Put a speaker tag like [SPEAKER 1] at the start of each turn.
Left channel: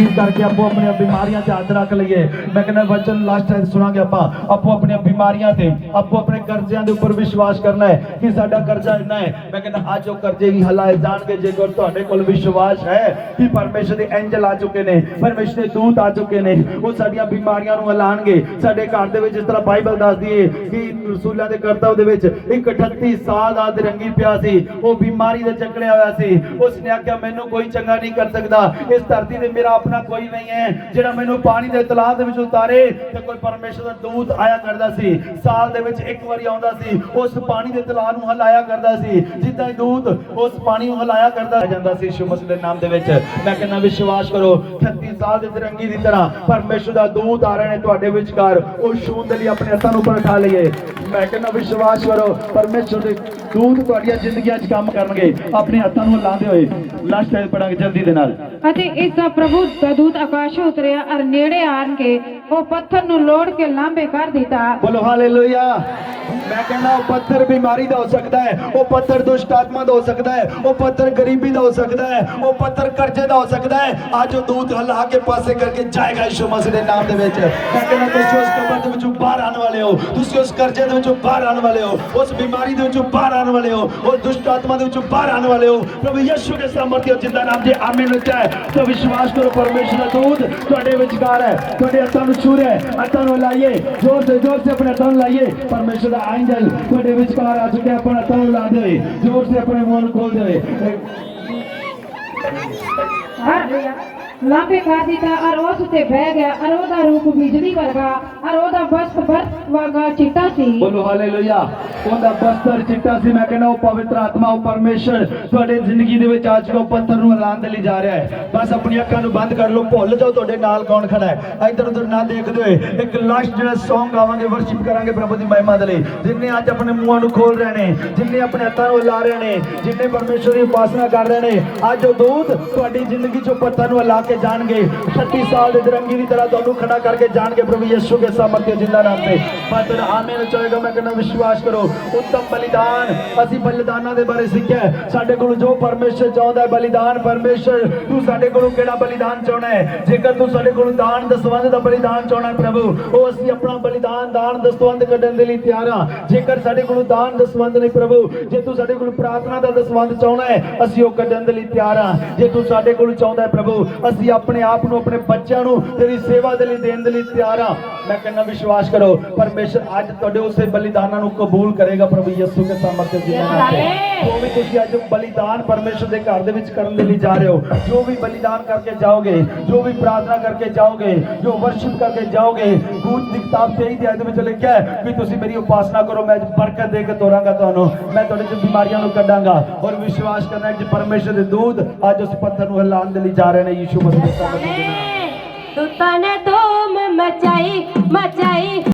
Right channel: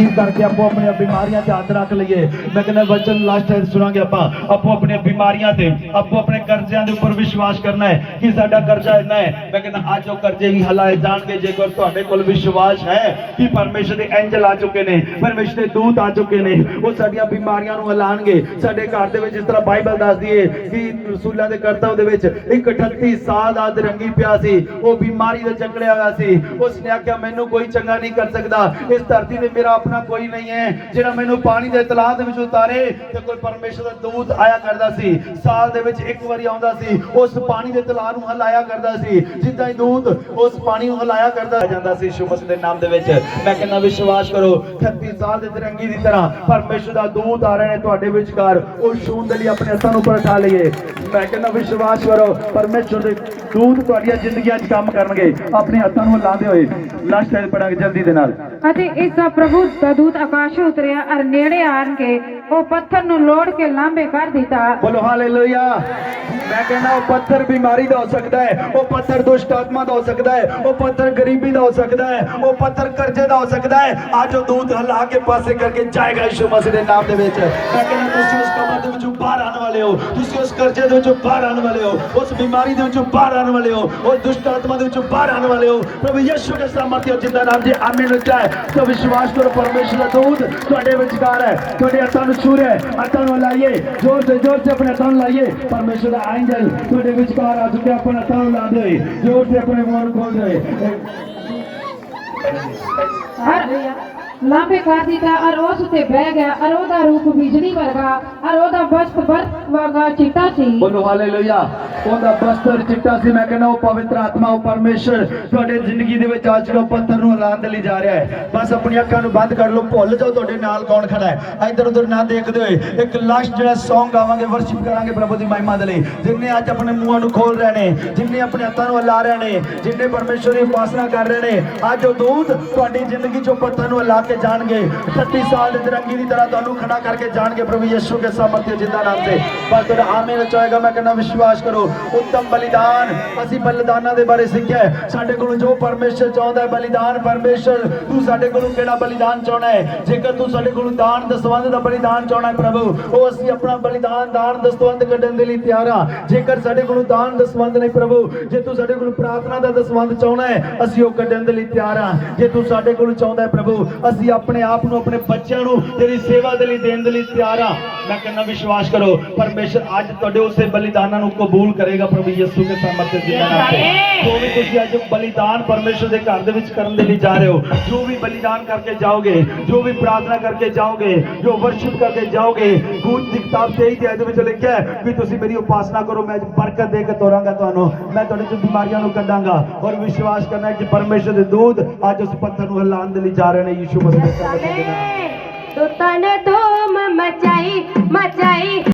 [SPEAKER 1] ਇਸ ਕਰਕੇ ਆਪੋ ਆਪਣੀਆਂ ਬਿਮਾਰੀਆਂ ਤੇ ਹੱਥ ਰੱਖ ਲਈਏ। ਮੈਂ ਕਹਿੰਦਾ ਵਚਨ ਲਾਸਟ ਟਾਈਮ ਸੁਣਾਂਗੇ ਆਪਾਂ। ਆਪੋ ਆਪਣੀਆਂ ਬਿਮਾਰੀਆਂ ਤੇ, ਆਪੋ ਆਪਣੇ ਕਰਜ਼ਿਆਂ ਦੇ ਉੱਪਰ ਵਿਸ਼ਵਾਸ ਕਰਨਾ ਹੈ ਕਿ ਸਾਡਾ ਕਰਜ਼ਾ ਇੰਨਾ ਹੈ। ਮੈਂ ਕਹਿੰਦਾ ਅੱਜ ਉਹ ਕਰਜ਼ੇ ਵੀ ਹਲਾਏ ਜਾਣਗੇ ਜੇਕਰ ਤੁਹਾਡੇ ਕੋਲ ਵਿਸ਼ਵਾਸ ਹੈ ਕਿ ਪਰਮੇਸ਼ਰ ਦੇ ਐਂਜਲ ਆ ਚੁੱਕੇ ਨੇ, ਪਰਮੇਸ਼ਰ ਦੇ ਦੂਤ ਆ ਚੁੱਕੇ ਨੇ, ਉਹ ਸਾਡੀਆਂ ਬਿਮਾਰੀਆਂ ਨੂੰ ਹਲਾਣਗੇ। ਸਾਡੇ ਘਰ ਦੇ ਵਿੱਚ ਜਿਸ ਤਰ੍ਹਾਂ ਬਾਈਬਲ ਦੱਸਦੀ ਹੈ ਕਿ ਰਸੂਲਾਂ ਦੇ ਕਰਤਵ ਦੇ ਵਿੱਚ ਇੱਕ 38 ਸਾਲ ਦਾ ਦਰੰਗੀ ਪਿਆ ਸੀ। ਉਹ ਬਿਮਾਰੀ ਦਾ ਚੱਕੜਿਆ ਹੋਇਆ ਸੀ। ਉਸ ਨੇ ਆਖਿਆ, ਮੈਨੂੰ ਕੋਈ ਚੰਗਾ ਨਹੀਂ ਕਰ ਸਕਦਾ। ਇਸ ਧਰਤੀ ਤੇ ਮੇਰਾ ਆਪਣਾ ਕੋਈ ਨਹੀਂ ਹੈ। ਜਿਹੜਾ ਮੈਨੂੰ ਪਾਣੀ ਦੇ ਤਲਾਅ ਦੇ ਵਿੱਚ ਉਤਾਰੇ ਤੇ ਕੋਈ ਪਰਮੇਸ਼ਰ ਦਾ ਦੂਤ ਆਇਆ ਕਰਦਾ ਸੀ। ਸਾਲ ਦੇ ਵਿੱਚ ਇੱਕ ਵਾਰੀ ਆਉਂਦਾ ਸੀ। ਉਸ ਪਾਣੀ ਦੇ ਤਲਾਅ ਨੂੰ ਹਲਾਇਆ ਕਰਦਾ ਸੀ। ਜਿੱਦਾਂ ਹੀ ਦੂਤ ਉਸ ਪਾਣੀ ਨੂੰ ਹਲਾਇਆ ਕਰਦਾ ਜਾਂਦਾ ਸੀ ਯਿਸੂ ਦੇ ਨਾਮ ਦੇ ਵਿੱਚ। ਮੈਂ ਕਹਿੰਦਾ, ਵਿਸ਼ਵਾਸ ਕਰੋ 38 ਸਾਲ ਦੇ ਤਿਰੰਗੀ ਦੀ ਤਰ੍ਹਾਂ ਪਰਮੇਸ਼ਰ ਦਾ ਦੂਤ ਆ ਰਹੇ ਨੇ ਤੁਹਾਡੇ ਵਿਚਕਾਰ। ਉਹ ਛੂਹਣ ਦੇ ਲਈ ਆਪਣੇ ਹੱਥਾਂ ਨੂੰ ਉੱਪਰ ਉਠਾ ਲਈਏ। ਮੈਂ ਕਹਿੰਦਾ, ਵਿਸ਼ਵਾਸ ਕਰੋ, ਪਰਮੇਸ਼ਰ ਦੇ ਦੂਤ ਤੁਹਾਡੀਆਂ ਜ਼ਿੰਦਗੀਆਂ 'ਚ ਕੰਮ ਕਰਨਗੇ। ਆਪਣੇ ਹੱਥਾਂ ਨੂੰ ਲਾਉਂਦੇ ਹੋਏ ਲਾਸਟ ਟਾਈਮ ਪੜਾਂਗੇ ਜਲਦੀ ਦੇ ਨਾਲ।
[SPEAKER 2] ਅਤੇ ਇਸ ਦਾ ਪ੍ਰਭੂ ਦਾ ਦੂਤ ਆਕਾਸ਼ੋਂ ਉਤਰਿਆ ਅਰ ਨੇੜੇ ਆਣ ਕੇ ਉਹ ਪੱਥਰ ਨੂੰ ਲੋੜ ਕੇ ਲਾਂਬੇ ਕਰ ਦਿੱਤਾ।
[SPEAKER 1] ਬੋਲੋ, ਹਾਲੇਲੂਇਆ। ਮੈਂ ਕਹਿੰਦਾ, ਉਹ ਪੱਥਰ ਬਿਮਾਰੀ ਦਾ ਹੋ ਸਕਦਾ ਹੈ, ਉਹ ਪੱਥਰ ਦੁਸ਼ਟ ਆਤਮਾ ਦਾ ਹੋ ਸਕਦਾ ਹੈ, ਉਹ ਪੱਥਰ ਗਰੀਬੀ ਦਾ ਹੋ ਸਕਦਾ ਹੈ, ਉਹ ਪੱਥਰ ਕਰਜ਼ੇ ਦਾ ਹੋ ਸਕਦਾ ਹੈ। ਅੱਜ ਉਹ ਦੂਤ ਹਲਾ ਕੇ ਪਾਸੇ ਕਰਕੇ ਜਾਏਗਾ ਯਿਸੂ ਮਸੀਹ ਦੇ ਨਾਮ ਦੇ ਵਿੱਚ। ਮੈਂ ਕਹਿੰਦਾ, ਤੁਸੀਂ वाले हो तुम उस कर्जे बहर आने वाले हो, उस बीमारी बहर आने वाले हो, उस दुष्ट आत्मा बहर आने वाले हो। प्रभु यशु के सामर्थ्य ज़िंदा नाम जी आमिर है। तो विश्वास करो, परमेश्वर दूध थोड़े विचार है थोड़े हथन सुर है हथन लाइए, ज़ोर से ज़ोर से अपने हथन लाइए। परमेश्वर का एंजल थोड़े विचार आ चुके अपने हथन ला दे ज़ोर से अपने मन खोल दे
[SPEAKER 2] हर ਲਾਂਬੇ ਕਰ ਦਿੱਤਾ ਅਰ ਉਸ ਤੇ ਬਹਿ ਗਿਆ। ਅਰ ਉਹਦਾ ਰੂਪ ਬਿਜਲੀ ਵਰਗਾ ਅਰ ਉਹਦਾ ਵਸਤ ਬਰਫ਼ ਵਰਗਾ
[SPEAKER 1] ਉਹਦਾ ਬਸਤਰ ਚਿੱਟਾ ਸੀ। ਮੈਂ ਕਹਿੰਦਾ, ਉਹ ਪਵਿੱਤਰ ਆਤਮਾ, ਉਹ ਪਰਮੇਸ਼ਰ ਤੁਹਾਡੇ ਜ਼ਿੰਦਗੀ ਦੇ ਵਿੱਚ ਅੱਜ ਉਹ ਪੱਥਰ ਨੂੰ ਹਲਾਉਣ ਦੇ ਲਈ ਜਾ ਰਿਹਾ ਹੈ। ਬਸ ਆਪਣੀਆਂ ਅੱਖਾਂ ਨੂੰ ਬੰਦ ਕਰ ਲਓ। ਭੁੱਲ ਜਾਓ, ਤੁਹਾਡੇ ਨਾਲ ਕੌਣ ਖੜਾ ਹੈ। ਇੱਧਰ ਉੱਧਰ ਨਾ ਦੇਖਦੇ ਹੋਏ ਇੱਕ ਲਾਸਟ ਜਿਹੜਾ Song ਗਾਵਾਂਗੇ ਵਰਸ਼ਿਪ ਕਰਾਂਗੇ ਪ੍ਰਭੂ ਦੀ ਮਹਿਮਾ ਦੇ ਲਈ। ਜਿੰਨੇ ਅੱਜ ਆਪਣੇ ਮੂੰਹਾਂ ਨੂੰ ਖੋਲ ਰਹੇ ਨੇ, ਜਿੰਨੇ ਆਪਣੇ ਹੱਥਾਂ ਨੂੰ ਹਿਲਾ ਰਹੇ ਨੇ, ਜਿੰਨੇ ਪਰਮੇਸ਼ਰ ਦੀ ਉਪਾਸਨਾ ਕਰ ਰਹੇ ਨੇ, ਅੱਜ ਉਹ ਦੂਤ ਤੁਹਾਡੀ ਜ਼ਿੰਦਗੀ ਚੋਂ ਪੱਥਰ ਨੂੰ ਹਿਲਾ ਕੇ ਜਾਣਗੇ। 36 ਸਾਲ ਦੇ ਦਰੰਗੀ ਦੀ ਤਰ੍ਹਾਂ ਤੁਹਾਨੂੰ ਖੜਾ ਕਰਕੇ ਜਾਣਗੇ ਪ੍ਰਭੂ ਯਿਸੂ ਕੇ ਸਾਮਰਥ्य ਜਿੰਦਾ ਨਾਮ ਸੇ ਪੱਥਰ ਆਮੀਨ ਚਾਹੇਗਾ ਮੈਂ ਕਹਿੰਦਾ ਵਿਸ਼ਵਾਸ ਕਰੋ, ਉੱਤਮ ਬਲੀਦਾਨ ਅਸੀਂ ਬਲੀਦਾਨਾਂ ਦੇ ਬਾਰੇ ਸਿੱਖਿਆ ਸਾਡੇ ਕੋਲ ਜੋ ਪਰਮੇਸ਼ਰ ਚਾਹੁੰਦਾ ਹੈ, ਬਲੀਦਾਨ ਪਰਮੇਸ਼ਰ, ਤੂੰ ਸਾਡੇ ਕੋਲੋਂ ਕਿਹੜਾ ਬਲੀਦਾਨ ਚਾਹਣਾ ਹੈ? ਜੇਕਰ ਤੂੰ ਸਾਡੇ ਕੋਲੋਂ ਦਾਨ ਦਸਵੰਧ ਦਾ ਬਲੀਦਾਨ ਚਾਹਣਾ ਹੈ ਪ੍ਰਭੂ, ਉਹ ਅਸੀਂ ਆਪਣਾ ਬਲੀਦਾਨ, ਦਾਨ ਦਸਵੰਧ ਕੱਢਣ ਦੇ ਲਈ ਤਿਆਰ ਹਾਂ। ਜੇਕਰ ਸਾਡੇ ਕੋਲੋਂ ਦਾਨ ਦਸਵੰਧ ਨਹੀਂ ਪ੍ਰਭੂ, ਜੇ ਤੂੰ ਸਾਡੇ ਕੋਲੋਂ ਪ੍ਰਾਰਥਨਾ ਦਾ ਦਸਵੰਧ ਚਾਹਣਾ ਹੈ, ਅਸੀਂ ਉਹ ਕੱਢਣ ਦੇ ਲਈ ਤਿਆਰ ਹਾਂ। ਜੇ ਤੂੰ ਸਾਡੇ ਕੋਲੋਂ ਚਾਹੁੰਦਾ ਹੈ ਪ੍ਰਭੂ ਅਸੀਂ ਆਪਣੇ ਆਪ ਨੂੰ, ਆਪਣੇ ਬੱਚਿਆਂ ਨੂੰ, ਤੇਰੀ ਸੇਵਾ ਦੇ ਲਈ ਦੇਣ ਦੇ ਲਈ ਤਿਆਰ ਹਾਂ। ਮੈਂ ਕਹਿੰਦਾ, ਵਿਸ਼ਵਾਸ ਕਰੋ, ਪਰਮੇਸ਼ਰ ਅੱਜ ਤੁਹਾਡੇ ਉਸੇ ਬਲੀਦਾਨਾਂ ਨੂੰ ਕਬੂਲ ਕਰੇਗਾ ਪ੍ਰਭੂ ਯਿਸੂ ਦੇ ਸਾਮਰਥ्य ਦੇ ਨਾਮ ਤੇ ਜੋ ਵੀ ਤੁਸੀਂ ਅੱਜ ਬਲੀਦਾਨ ਪਰਮੇਸ਼ਰ ਦੇ ਘਰ ਦੇ ਵਿੱਚ ਕਰਨ ਦੇ ਲਈ ਜਾ ਰਹੇ ਹੋ, ਜੋ ਵੀ ਬਲੀਦਾਨ ਕਰਕੇ ਜਾਓਗੇ, ਜੋ ਵੀ ਪ੍ਰਾਰਥਨਾ ਕਰਕੇ ਜਾਓਗੇ, ਜੋ ਵਰਸ਼ਿਪ ਕਰਕੇ ਜਾਓਗੇ, ਗੁਰੂ ਦੀ ਕਿਤਾਬ ਤੇ ਹੀ ਅਧਿਆਇ ਦੇ ਵਿੱਚ ਲਿਖਿਆ ਹੈ ਕਿ ਤੁਸੀਂ ਮੇਰੀ ਉਪਾਸਨਾ ਕਰੋ, ਮੈਂ ਅੱਜ ਬਰਕਤ ਦੇ ਕੇ ਤੋਰਾਂਗਾ ਤੁਹਾਨੂੰ, ਮੈਂ ਤੁਹਾਡੇ ਚ ਬਿਮਾਰੀਆਂ ਨੂੰ ਕੱਢਾਂਗਾ ਔਰ ਵਿਸ਼ਵਾਸ ਕਰਨਾ ਕਿ ਪਰਮੇਸ਼ਰ ਦੇ ਦੂਤ ਅੱਜ ਉਸ ਪੱਥਰ ਨੂੰ ਹਿਲਾਉਣ ਦੇ ਲਈ ਜਾ ਰਹੇ ਨੇ, ਯਿਸੂ ਮਸੀਹ ਦੇ ਨਾਮ ਤੇ
[SPEAKER 3] ਦੁੱਤਾਂ